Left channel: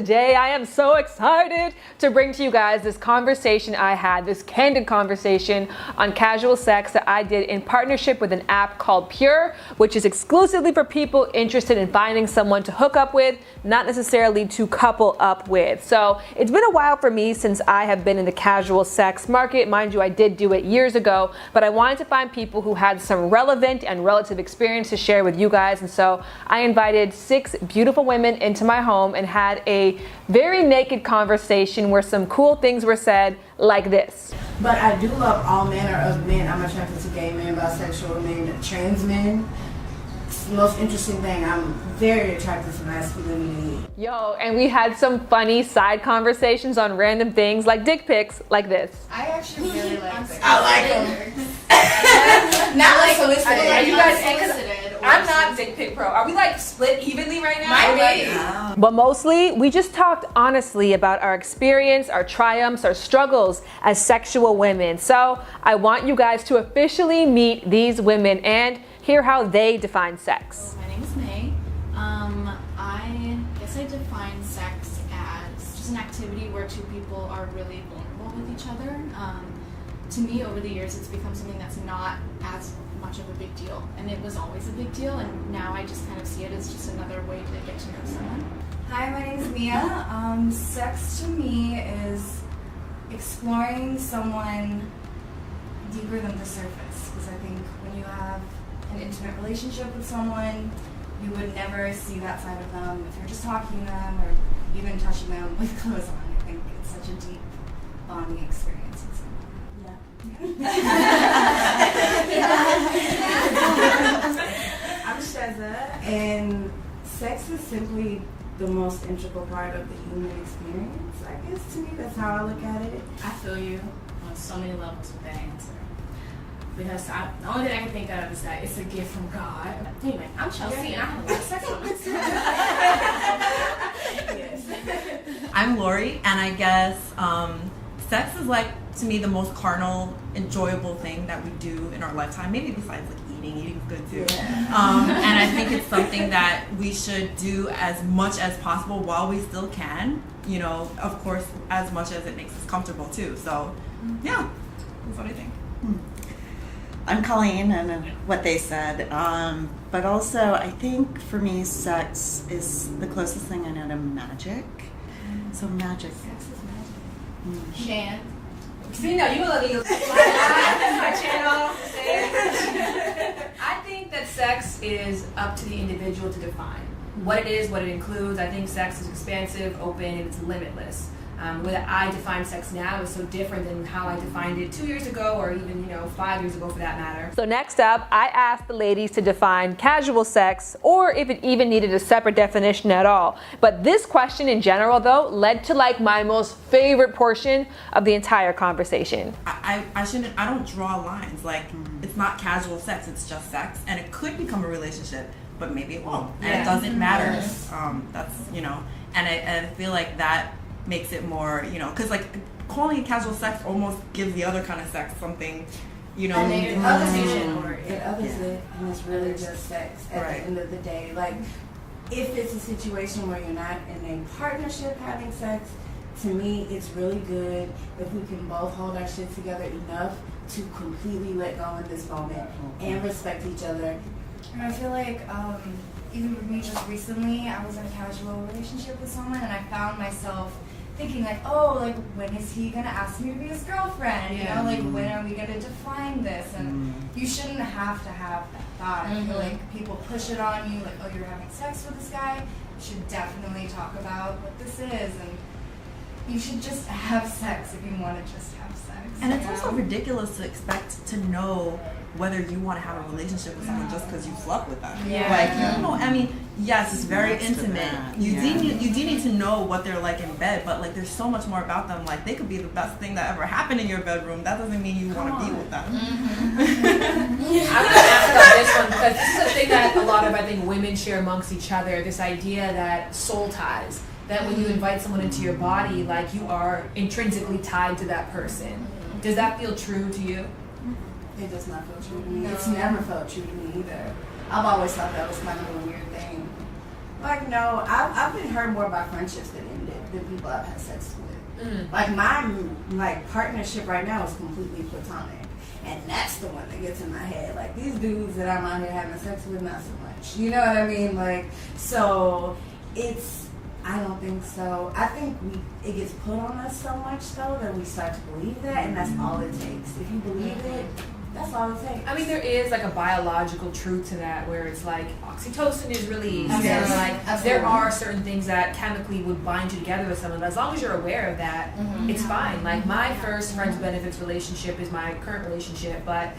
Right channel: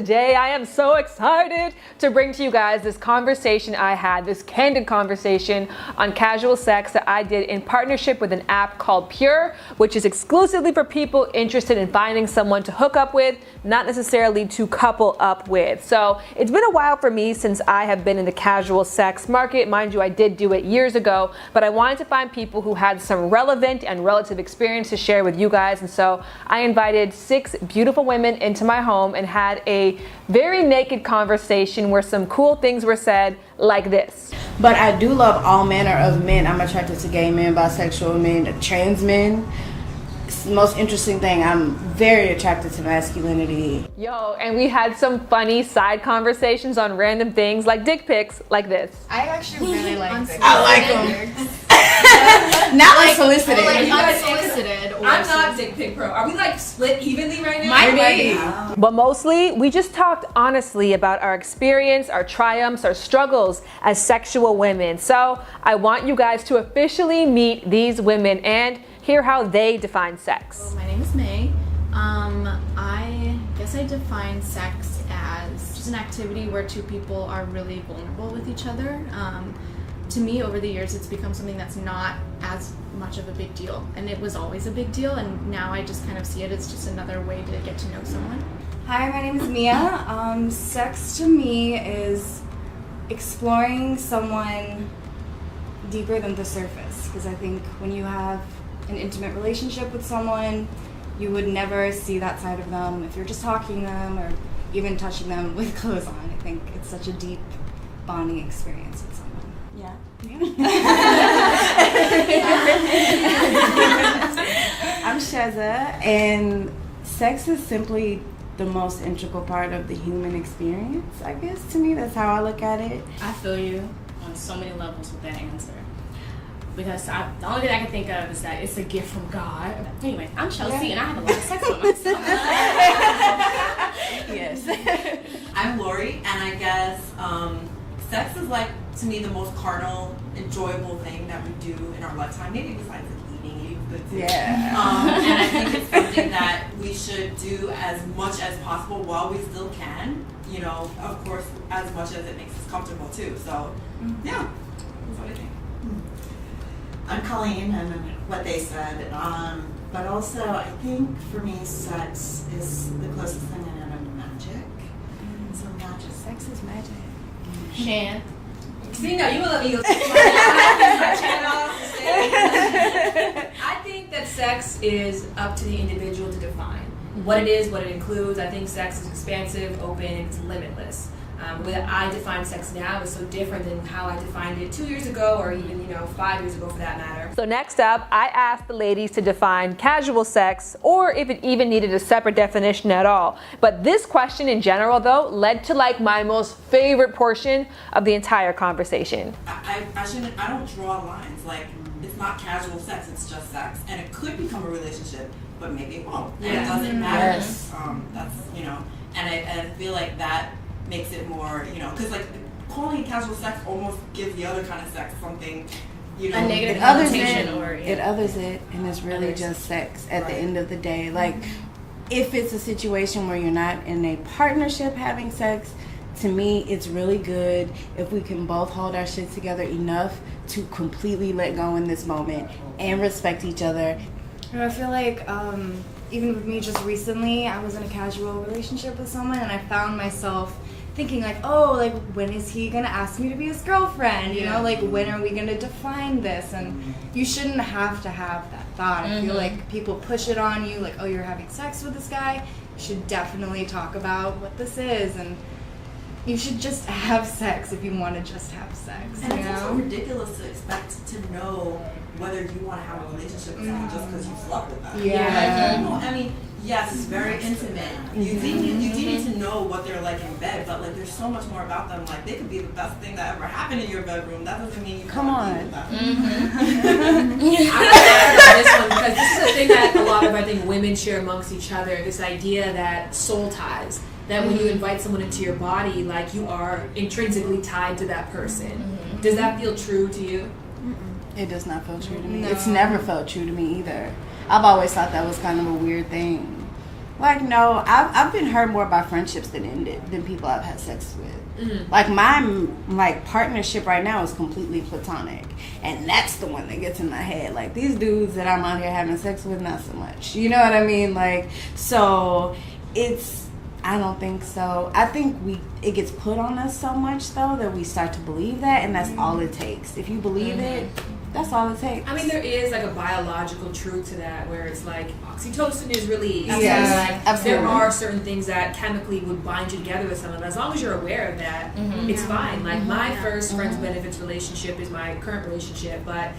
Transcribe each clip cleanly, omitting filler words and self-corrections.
today I am so excited to bring to you guys this conversation I had, this candid conversation on casual sex that I did in partnership with an app called Pure, which is exclusively for people interested in finding someone to hook up with, not necessarily to couple up with. So it's been a while for me since I have been in the casual sex market. Mind you, I did do it years ago, but I wanted to find people who had some relevant and relative experience to share with you guys. And so I invited 6 beautiful women into my home and had a very naked conversation where some cool things were said like this. But I do love all manner of men. I'm attracted to gay men, bisexual men, trans men. It's the most interesting thing. I'm very attracted to masculinity. Yo, and we had some funny side conversations on random things like dick pics like this. I actually really like this. I like them. Not like solicited. Are you guys unsolicited? I'm not dick pic pro. Are we like split evenly right now? Might be. But mostly, we just talked honestly about our experience, our triumphs, our struggles as sexual women. So I want you guys to officially meet these women and hear how they define sex. My name is May. I guess I define sex as just an activity where two people are really vulnerable with each other. To me, over the years, it's become something that's not as much of a big deal. And it was always a big deal, and now I just kind of see it as just another way to get to know someone. Hi, my name is Mia. Sex to me is exploring someone deeper than the surface. Because I think when you have an intimate relationship with someone, you would never see that side of them if you're just talking to them or even touching them with clothes on. I think it's such a deep bonding experience with someone. I'm Sheza, and sex is simply the most integral part of the human experience. I guess to me, that's how I look at it. I feel you on so many levels with that answer. Because the only thing I can think of is that it's a gift from God. Anyway, I'm Chelsea, and I have a lot of sex with myself. Yes. I'm Lori, and I guess sex is like, to me, the most carnal, enjoyable thing that we do in our lifetime. Maybe besides like eating is good too. Yeah. And I think it's something that we should do as much as possible while we still can. You know, of course, as much as it makes us comfortable too. So, yeah. What do you think? I'm Colleen, and what they said, but also I think for me sex is the closest thing I know to magic. So magic. Sex is magic. Shan. See, no, you will let me go. My channel. I think that sex is up to the individual to define what it is, what it includes. I think sex is expansive, open, and it's limitless. The way that I define sex now is so different than how I defined it 2 years ago or even 5 years ago for that matter. So next up, I asked the ladies to define casual sex, or if it even needed a separate definition at all. But this question in general, though, led to like my most favorite portion of the entire conversation. I don't draw lines. Like, it's not casual sex, it's just sex. And it could become a relationship, but maybe it won't. And it doesn't matter. Yes. That's, and I feel like that makes it more, because like calling it casual sex almost gives the other kind of sex something, A negative It others connotation it, others it, and it's really just sex at the end of the day. Like, if it's a situation where you're not in a partnership having sex, to me, it's really good if we can both hold our shit together enough to completely let go in this moment and respect each other. And I feel like even with me just recently, I was in a casual relationship with someone and I found myself thinking like, oh, like when is he gonna ask me to be his girlfriend? Like when are we gonna define this? And you shouldn't have to have that thought. I feel like people push it on you, like, oh, you're having sex with this guy. You should definitely talk about what this is, and you should just have sex if you want to just have sex. And it's also ridiculous to expect to know whether you want to have a relationship with someone just because you slept with them. Yeah. Like, I mean, yes, it's very intimate. You do need to know what they're like in bed, but like there's so much more about them. Like they could be the best thing that ever happened in your bedroom. That doesn't mean you want to be with them. I'm going to ask about this one because this is a thing that a lot of, I think, women share amongst each other, this idea that soul ties. That when you invite someone into your body, like you are intrinsically tied to that person. Does that feel true to you? It does not feel true to me. No. It's never felt true to me either. I've always thought that was kind of a weird thing. Like, no, I've been hurt more by friendships than people I've had sex with. Like, my partnership right now is completely platonic. And that's the one that gets in my head. Like, these dudes that I'm out here having sex with, not so much. You know what I mean? Like, so I don't think so. I think it gets put on us so much, though, that we start to believe that, and that's all it takes. If you believe it, that's all it takes. I mean, there is like a biological truth to that, where it's like oxytocin is released. Yes, Like absolutely. there are certain things that chemically would bind you together with someone. But as long as you're aware of that, it's fine. Like my first friends benefits relationship is my current relationship, but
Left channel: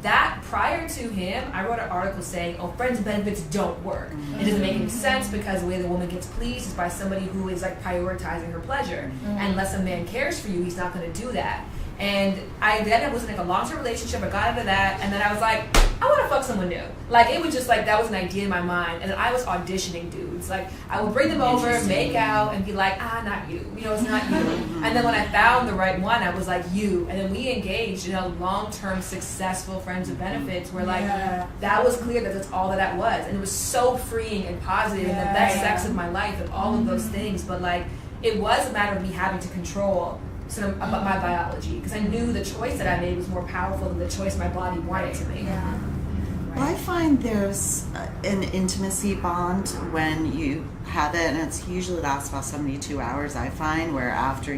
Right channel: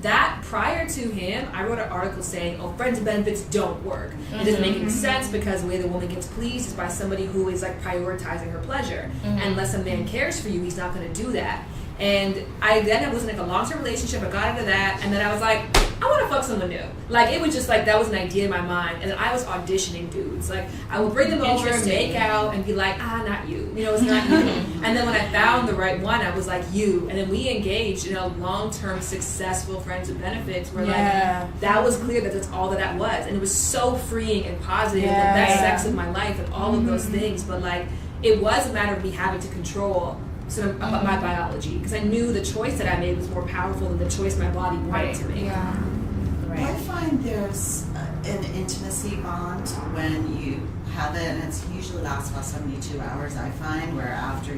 that prior to him, I wrote an article saying, "Oh, friends and benefits don't work. It doesn't make any sense because the way the woman gets pleased is by somebody who is like prioritizing her pleasure. And unless a man cares for you, he's not going to do that." And I was in like a long-term relationship. I got into that, and then I was like, I want to fuck someone new. Like it was just like that was an idea in my mind, and then I was auditioning dudes. Like I would bring them over, make out, and be like, not you. You know, it's not you. And then when I found the right one, I was like, you. And then we engaged in a long-term, successful friends with benefits, where like that was clear that that's all that was, and it was so freeing and positive, the best sex of my life, and all of those things. But like it was a matter of me having to control about my biology, because I knew the choice that I made was more powerful than the choice my body wanted to make. I find there's an intimacy bond when you have it, and it's usually lasts about 72 hours, I find, where after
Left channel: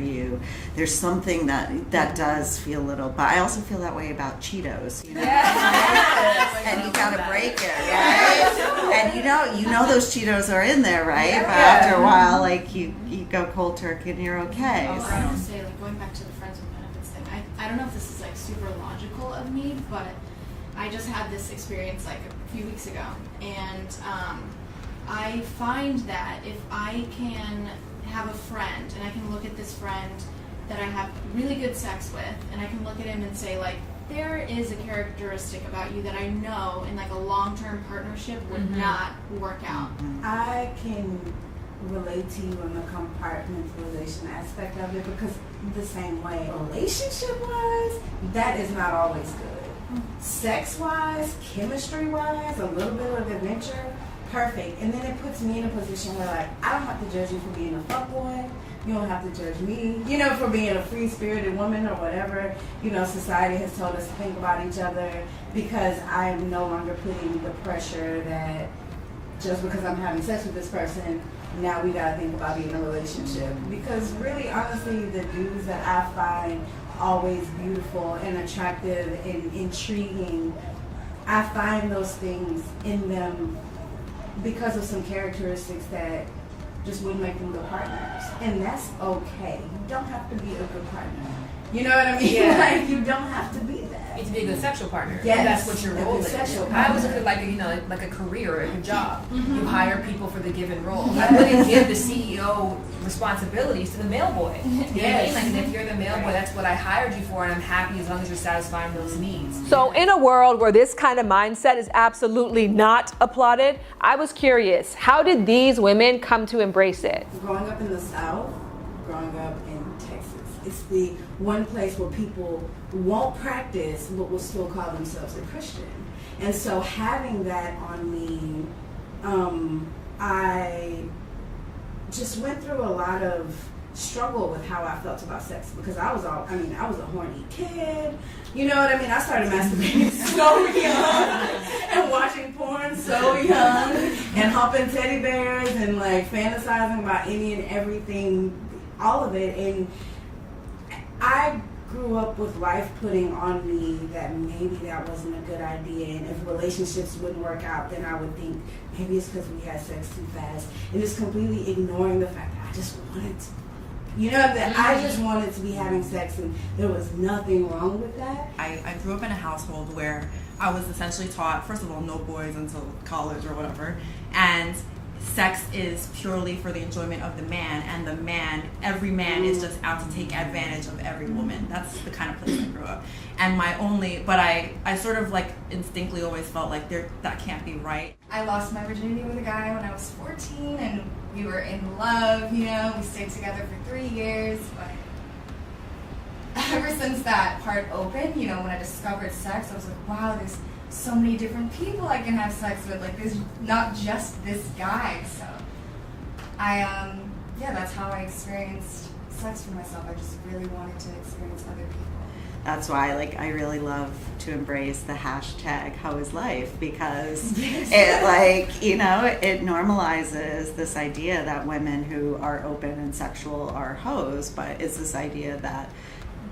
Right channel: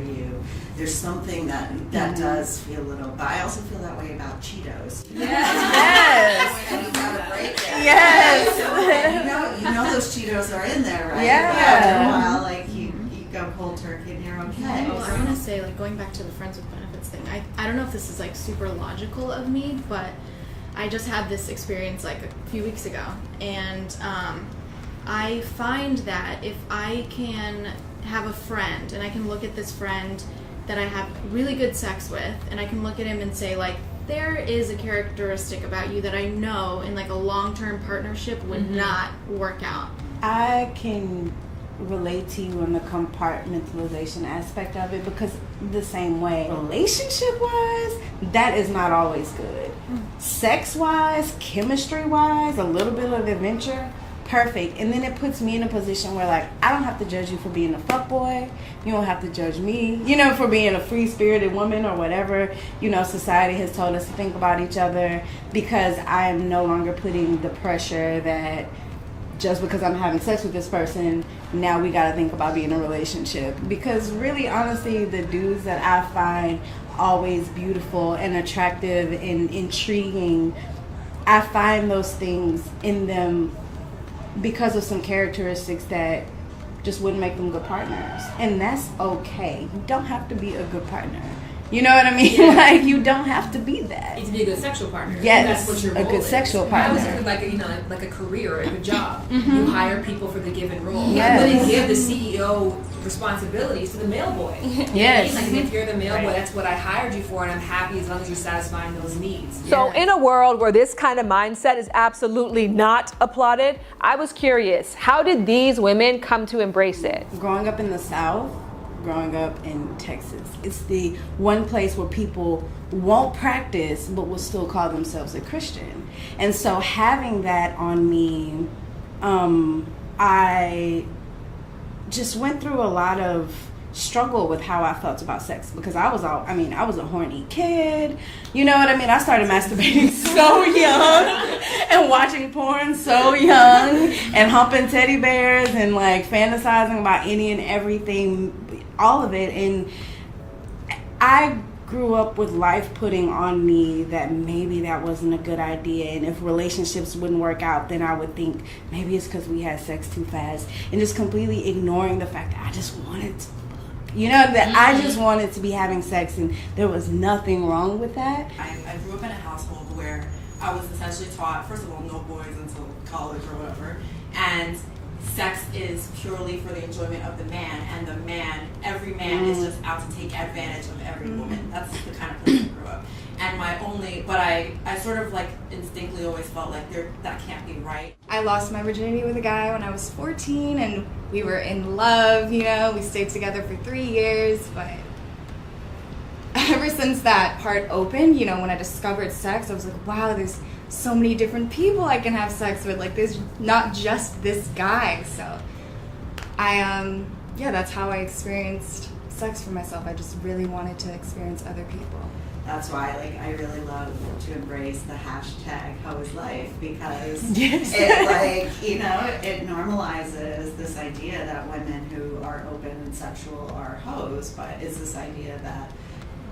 there's something that does feel a little, but I also feel that way about Cheetos. Yes. And you gotta break it. Yes. And you know those Cheetos are in there, right? Yeah. But after a while, like you go cold turkey and you're okay. I was gonna say, like, going back to the friends with benefits thing, I don't know if this is like super logical of me, but I just had this experience like a few weeks ago, and I find that if I can have a friend and I can look at this friend that I have really good sex with, and I can look at him and say, like, there is a characteristic about you that I know in like a long-term partnership would not work out. I can relate to you on the compartmentalization aspect of it, because the same way relationship wise, that is not always good. Sex wise, chemistry wise, a little bit of adventure, perfect. And then it puts me in a position where, like, I don't have to judge you for being a fuckboy. You don't have to judge me, for being a free-spirited woman or whatever, society has told us to think about each other, because I am no longer putting the pressure that just because I'm having sex with this person, now we gotta think about being in a relationship. Because really, honestly, the dudes that I find always beautiful and attractive and intriguing, I find those things in them because of some characteristics that just wouldn't make them good partners. And that's okay. You don't have to be a good partner. You know what I mean? Yeah. Like, you don't have to be that. To be a good sexual partner. Yes, That's what your a role good is. sexual I always partner. look at like a career or a good job. You hire people for the given role. Yes. I wouldn't give the CEO responsibilities to the mail boy. You know what I Yes. mean? Like, if you're the mail boy, that's what I hired you for, and I'm happy as long as you're satisfying those needs. So in a world where this kind of mindset is absolutely not applauded, I was curious, how did these women come to embrace it? Growing up in the South, growing up in Texas, it's the one place where people won't practice but will still call themselves a Christian. And so having that on me, I just went through a lot of struggle with how I felt about sex, because I was a horny kid. You know what I mean? I started masturbating so young and watching porn so young and humping teddy bears and like fantasizing about any and everything, all of it. And I grew up with life putting on me that maybe that wasn't a good idea, and if relationships wouldn't work out, then I would think maybe it's because we had sex too fast, and just completely ignoring the fact that I just wanted to, that I just wanted to be having sex, and there was nothing wrong with that. I grew up in a household where I was essentially taught, first of all, no boys until college or whatever, and sex is purely for the enjoyment of the man, and every man is just out to take advantage of every woman. That's the kind of place I grew up. And I sort of like instinctively always felt like that can't be right. I lost my virginity with a guy when I was 14, and we were in love, we stayed together for 3 years, but ever since that part opened, when I discovered sex, I was like, wow, there's so many different people I can have sex with. Like, there's not just this guy. So That's how I experienced sex for myself. I just really wanted to experience other people. That's why, I really love to embrace the hashtag How Is Life, because it, it normalizes this idea that women who are open and sexual are hoes, but it's this idea that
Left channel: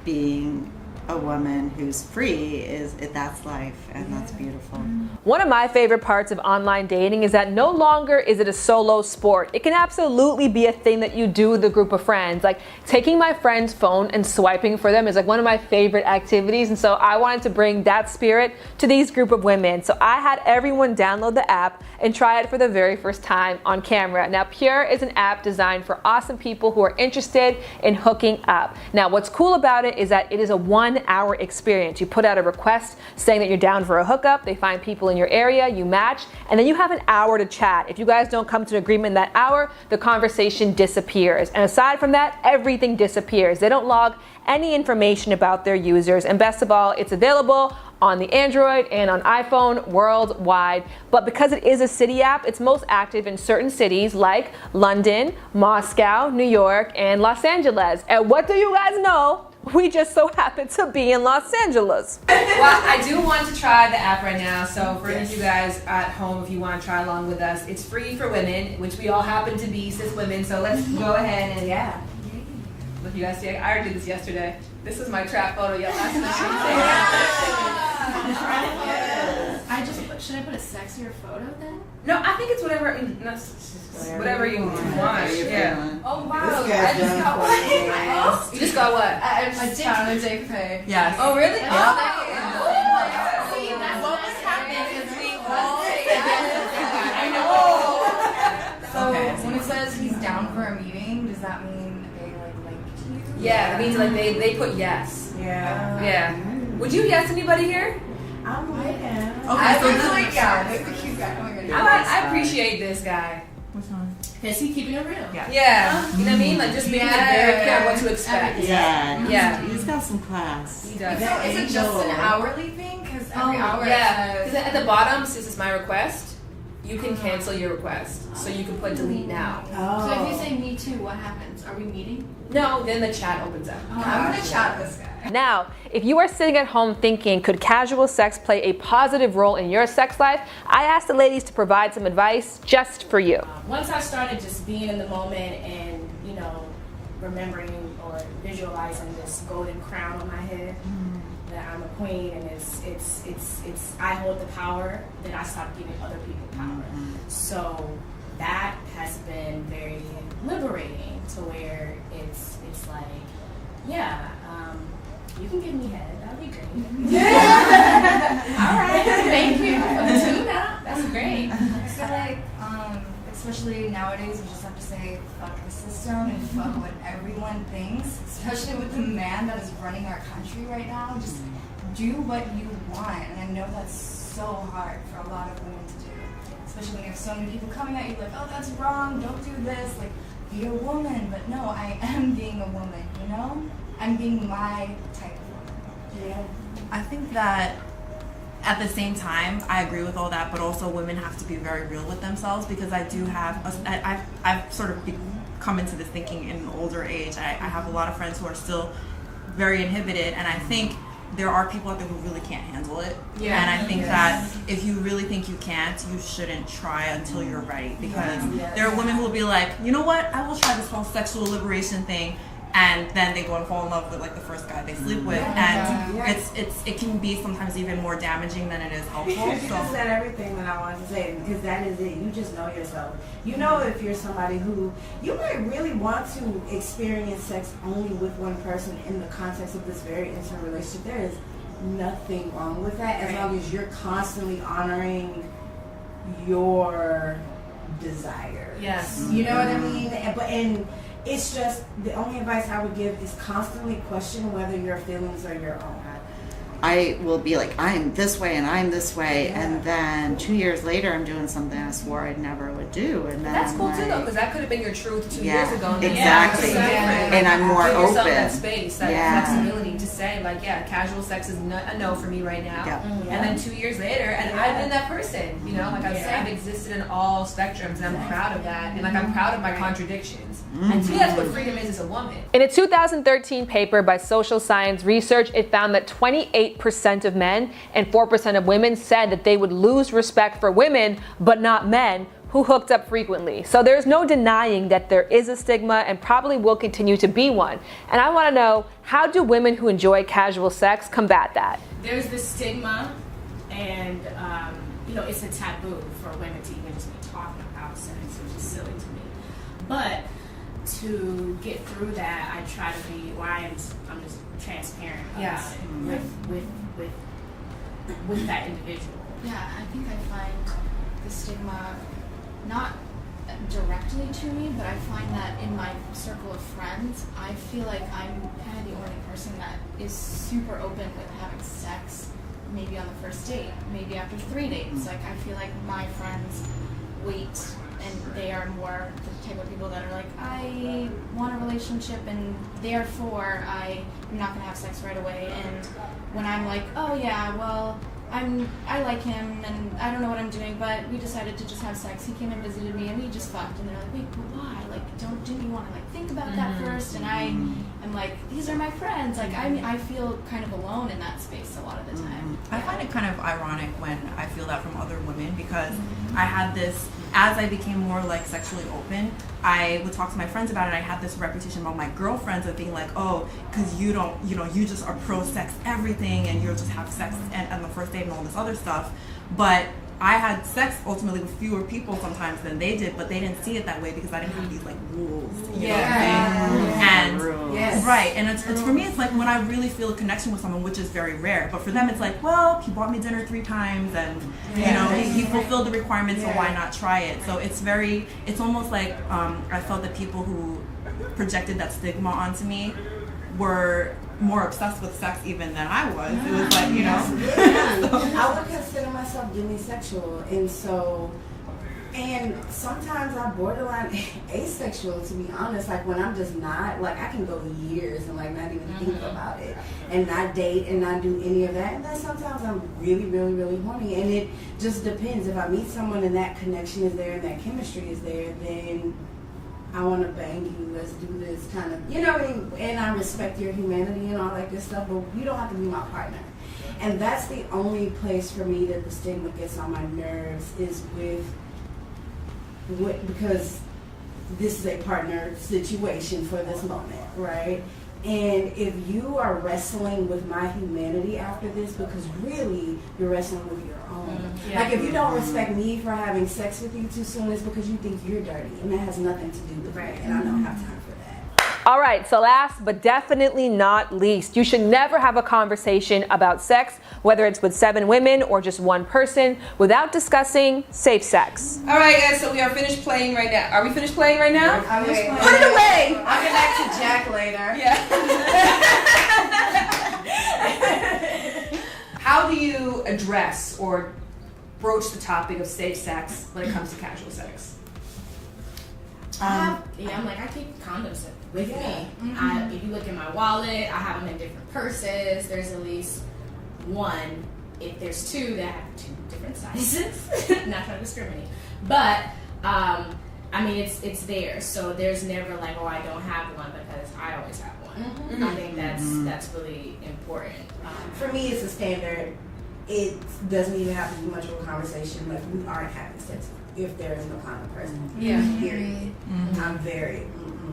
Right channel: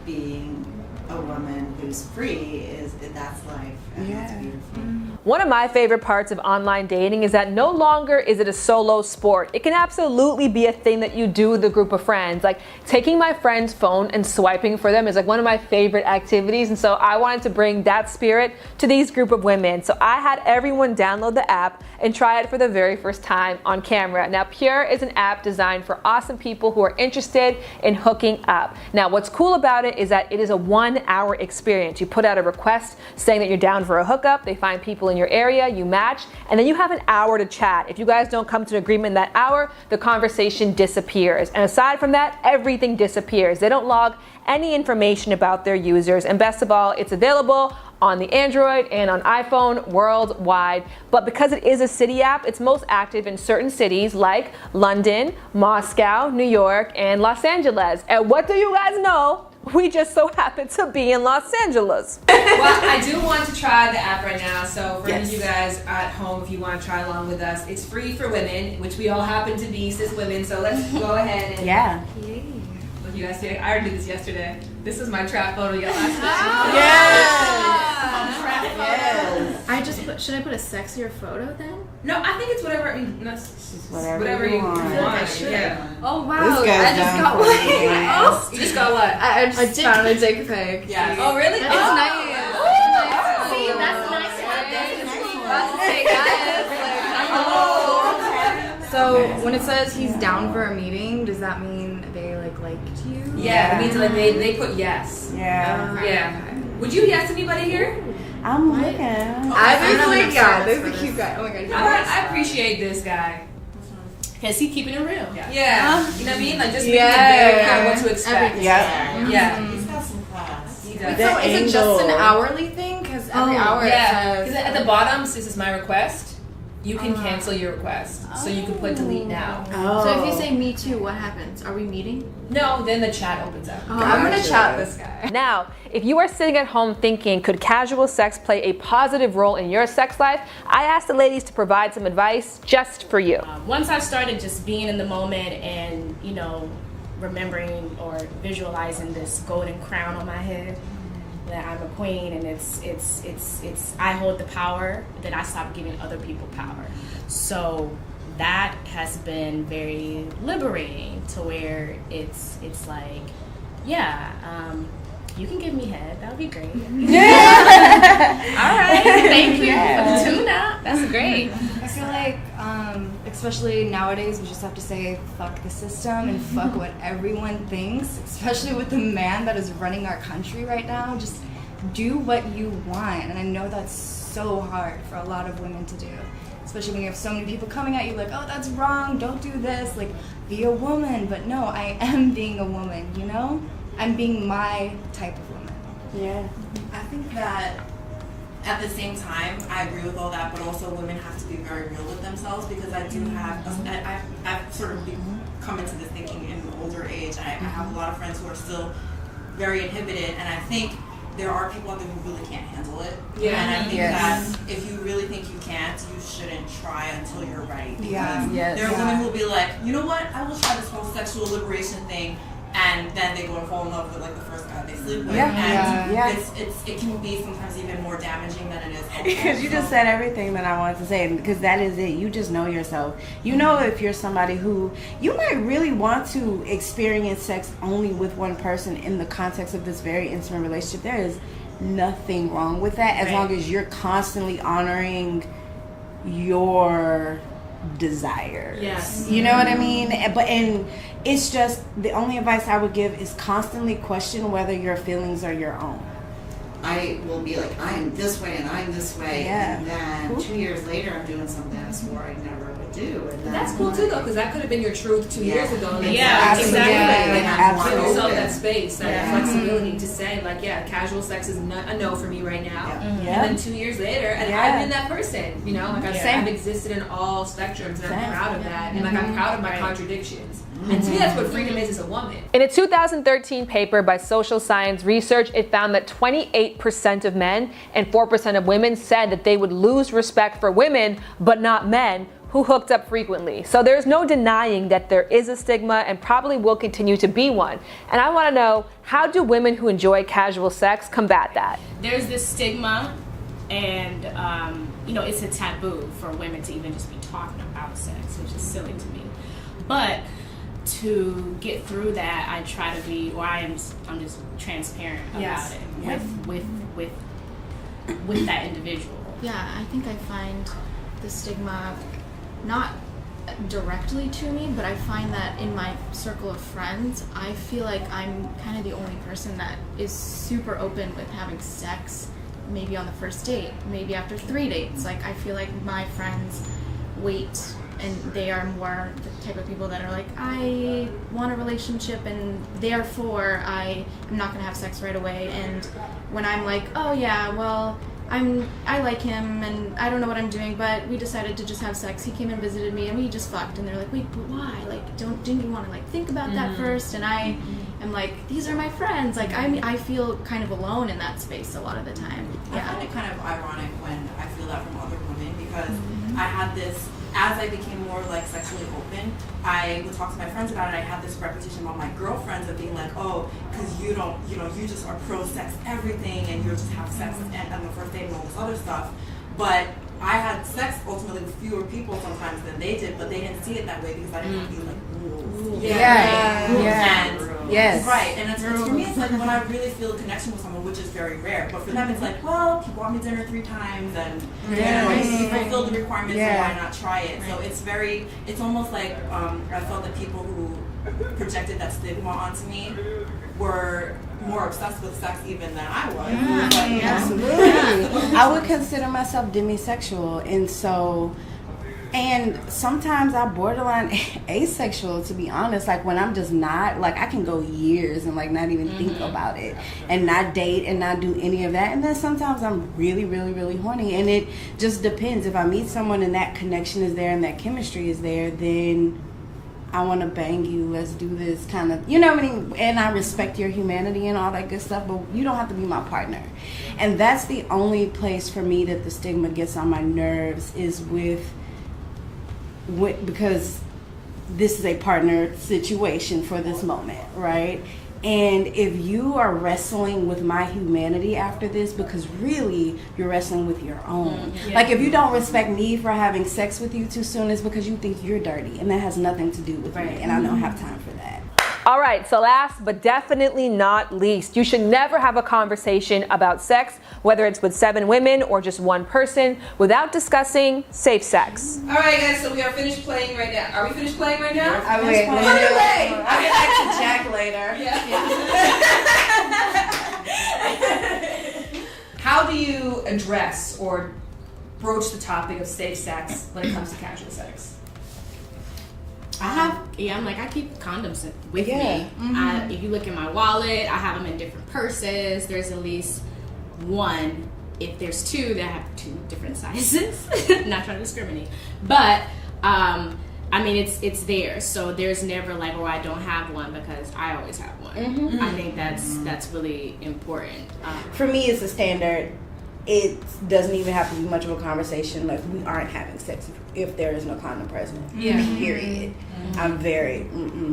being a woman who's free that's life, and that's beautiful. One of my favorite parts of online dating is that no longer is it a solo sport. It can absolutely be a thing that you do with a group of friends. Like taking my friend's phone and swiping for them is like one of my favorite activities, and so I wanted to bring that spirit to these group of women. So I had everyone download the app and try it for the very first time on camera. Now Pure is an app designed for awesome people who are interested in hooking up. Now what's cool about it is that it is a 1-hour experience. You put out a request saying that you're down for a hookup, they find people in your area, you match, and then you have an hour to chat. If you guys don't come to an agreement in that hour, the conversation disappears. And aside from that, everything disappears. They don't log any information about their users, and best of all, it's available on the Android and on iPhone worldwide. But because it is a city app, it's most active in certain cities like London, Moscow, New York, and Los Angeles. And what do you guys know? We just so happen to be in Los Angeles. Well, I do want to try the app right now, so for any of you guys at home, if you want to try along with us, it's free for women, which we all happen to be cis women, so let's go ahead and look, you guys see, I already did this yesterday. This is my trap photo last Should I put a sexier photo then? No, I think it's whatever, whatever you want. Yeah. Oh wow! This I guy's just done got for one. me. Oh, you just got what? I just found a dick pic. Yes. Oh, really? It's Oh. nice. See, that's nice. So when it says he's down for a meeting, does that mean they liked you? Yeah, it means they put yes. Yeah. Would you yes anybody here? I'm looking. There's a cute guy. Oh my god. I appreciate this guy. Because he's keeping it real. Yeah. You know what I mean? Like just being very clear what to expect. Yeah. He's got some class. He does. So is it just an hourly thing? Because every hour yeah. it Because says... at the bottom, this is my request. You can cancel your request. So you can put delete now. So if you say me too, what happens? Are we meeting? No, then the chat opens up. I'm gonna chat with this guy. Now, if you are sitting at home thinking, could casual sex play a positive role in your sex life? I asked the ladies to provide some advice just for you. Once I started just being in the moment and, remembering or visualizing this golden crown on my head, that I'm a queen and it's I hold the power, then I stopped giving other people power. So that has been very liberating to where it's like, you can give me head, that would be great. All right, thank you for the tune-up, that's great. I feel like, especially nowadays, we just have to say fuck the system and fuck what everyone thinks, especially with the man that is running our country right now. Just do what you want, and I know that's so hard for a lot of women to do, especially when you have so many people coming at you like, oh, that's wrong, don't do this, like, be a woman. But no, I am being a woman, I'm being my type of woman. Yeah. I think that at the same time, I agree with all that, but also women have to be very real with themselves, because I do have, I've sort of come into this thinking in an older age. I have a lot of friends who are still very inhibited, and I think there are people out there who really can't handle it. Yeah. And I think that if you really think you can't, you shouldn't try until you're ready. Because there are women who will be like, you know what, I will try this whole sexual liberation thing, and then they go and fall in love with like the first guy they sleep with. It can be sometimes even more damaging than it is helpful. Because you just said everything that I wanted to say, because that is it. You just know yourself. You know if you're somebody who you might really want to experience sex only with one person in the context of this very intimate relationship. There is nothing wrong with that, as long as you're constantly honoring your desires. Yes. You know what I mean? And it's just, the only advice I would give is constantly question whether your feelings are your own. I will be like, I am this way and I'm this way, Yeah. and then 2 years later, I'm doing something I swore I never would do. And then That's cool too, though, because that could have been your truth 2 years ago. And exactly. Like, And I'm more give yourself open. that space, that Yeah. flexibility to say, like, yeah, casual sex is a no for me right now. Yeah. And then 2 years later, and Yeah. I've been that person, you know, like I say, Yeah. I've existed in all spectrums, and I'm proud of that, and like I'm proud of my contradictions. Mm-hmm. And to me, that's what freedom is as a woman. In a 2013 paper by Social Science Research, it found that 28% of men and 4% of women said that they would lose respect for women, but not men, who hooked up frequently. So there's no denying that there is a stigma and probably will continue to be one. And I want to know, how do women who enjoy casual sex combat that? There's this stigma, and it's a taboo for women to even just be talking about sex, which is silly to me. But to get through that, I try to be, I'm just transparent about it with that individual. Yeah, I think I find the stigma not directly to me, but I find that in my circle of friends, I feel like I'm kind of the only person that is super open with having sex, maybe on the first date, maybe after 3 dates. Like, I feel like my friends wait, and they are more the type of people that are like, I want a relationship, and therefore I am not gonna have sex right away. And when I'm like, oh yeah, well, I like him and I don't know what I'm doing, but we decided to just have sex. He came and visited me and we just fucked. And they're like, wait, but why? Like, didn't you want to like think about that first? And I am like, these are my friends. Like, I feel kind of alone in that space a lot of the time. I find it kind of ironic when I feel that from other women, because I had this, as I became more like sexually open, I would talk to my friends about it. I had this reputation about my girlfriends of being like, oh, because you don't, you just are pro sex everything, and you'll just have sex on the first date and all this other stuff. But I had sex ultimately with fewer people sometimes than they did, but they didn't see it that way because I didn't have these like rules. Yes. Right. And it's for me, it's like when I really feel a connection with someone, which is very rare. But for them, it's like, well, he bought me dinner 3 times, and he fulfilled the requirements, so why not try it? So it's almost like I felt that people who projected that stigma onto me were more obsessed with sex even than I was. It was like, Absolutely. I would consider myself demisexual, and sometimes I borderline asexual, to be honest. Like, when I'm just not, like, I can go years and like not even think about it, and not date and not do any of that. And then sometimes I'm really, really, really horny, and it just depends. If I meet someone and that connection is there and that chemistry is there, then I want to bang you, let's do this kind of, you know what I mean? And I respect your humanity and all that good stuff, but you don't have to be my partner. And that's the only place for me that the stigma gets on my nerves, is because this is a partner situation for this moment, right? And if you are wrestling with my humanity after this, because really you're wrestling with your own. Like, if you don't respect me for having sex with you too soon, it's because you think you're dirty, and that has nothing to do with me, and I don't have time for that. All right, so last but definitely not least, you should never have a conversation about sex, whether it's with 7 women or just one person, without discussing safe sex. All right, guys, so we are finished playing right now. Are we finished playing right now? I'll Put it away. I'll get back to Jack later. How do you address or broach the topic of safe sex when it comes to casual sex? I keep condoms with me. If you look in my wallet, I have them in different purses. There's at least one. If there's 2, that have 2 different sizes. Not trying to discriminate, but it's there. So there's never like, well, I don't have one, because I always have one. I think that's really important. For me, it's a standard. It doesn't even have to be much of a conversation. Like, we aren't having sex if there is no condom present. Period. I'm very,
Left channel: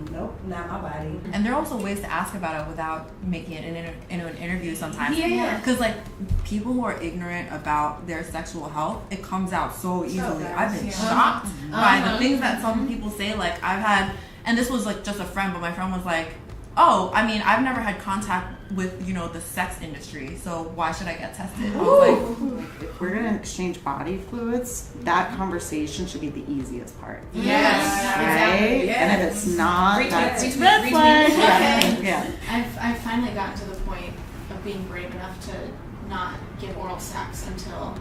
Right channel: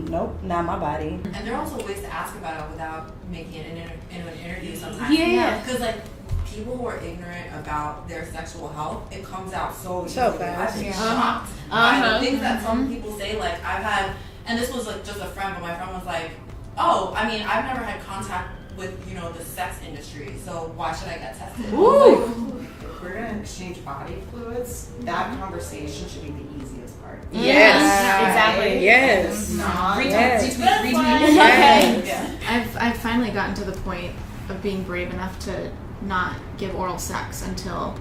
nope, not my body. And there are also ways to ask about it without making it into an interview sometimes. Because like people who are ignorant about their sexual health, it comes out so easily. I've been shocked by the things that some people say. Like, I've had, and this was like just a friend, but my friend was like, oh, I mean, I've never had contact with, the sex industry, so why should I get tested? If we're gonna exchange body fluids, that conversation should be the easiest part. Exactly. And if it's not, I've finally gotten to the point of of being brave enough to not give oral sex until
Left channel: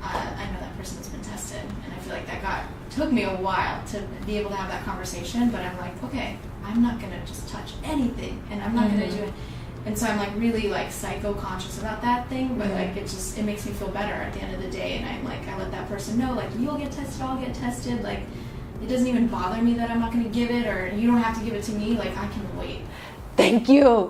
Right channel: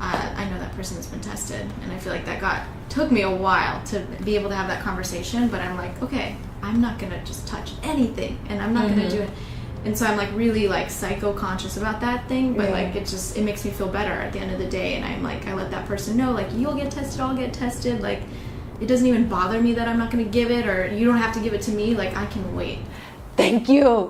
I know that person has been tested. And I feel like that took me a while to be able to have that conversation, but I'm like, okay, I'm not gonna just touch anything, and I'm not gonna do it. And so I'm like really like psycho conscious about that thing, but like it makes me feel better at the end of the day. And I'm like, I let that person know, like, you'll get tested, I'll get tested. Like, it doesn't even bother me that I'm not gonna give it, or you don't have to give it to me. Like, I can wait. Thank you.